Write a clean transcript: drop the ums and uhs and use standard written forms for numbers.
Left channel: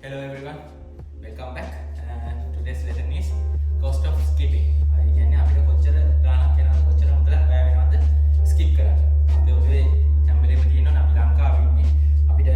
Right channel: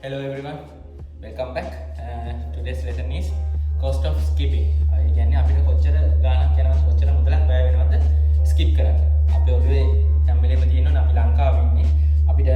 Hello everyone, welcome back. Today's lesson is cost of skipping. ඒ කියන්නේ අපිට කොච්චර ගාණක් යනවද කොච්චර මුදලක් වැය වෙනවද skip කරන්න. අපි ඔළුවේ හැම වෙලේම තියෙනවනේ අපි ලංකාවේ ඉන්නේ. අපිට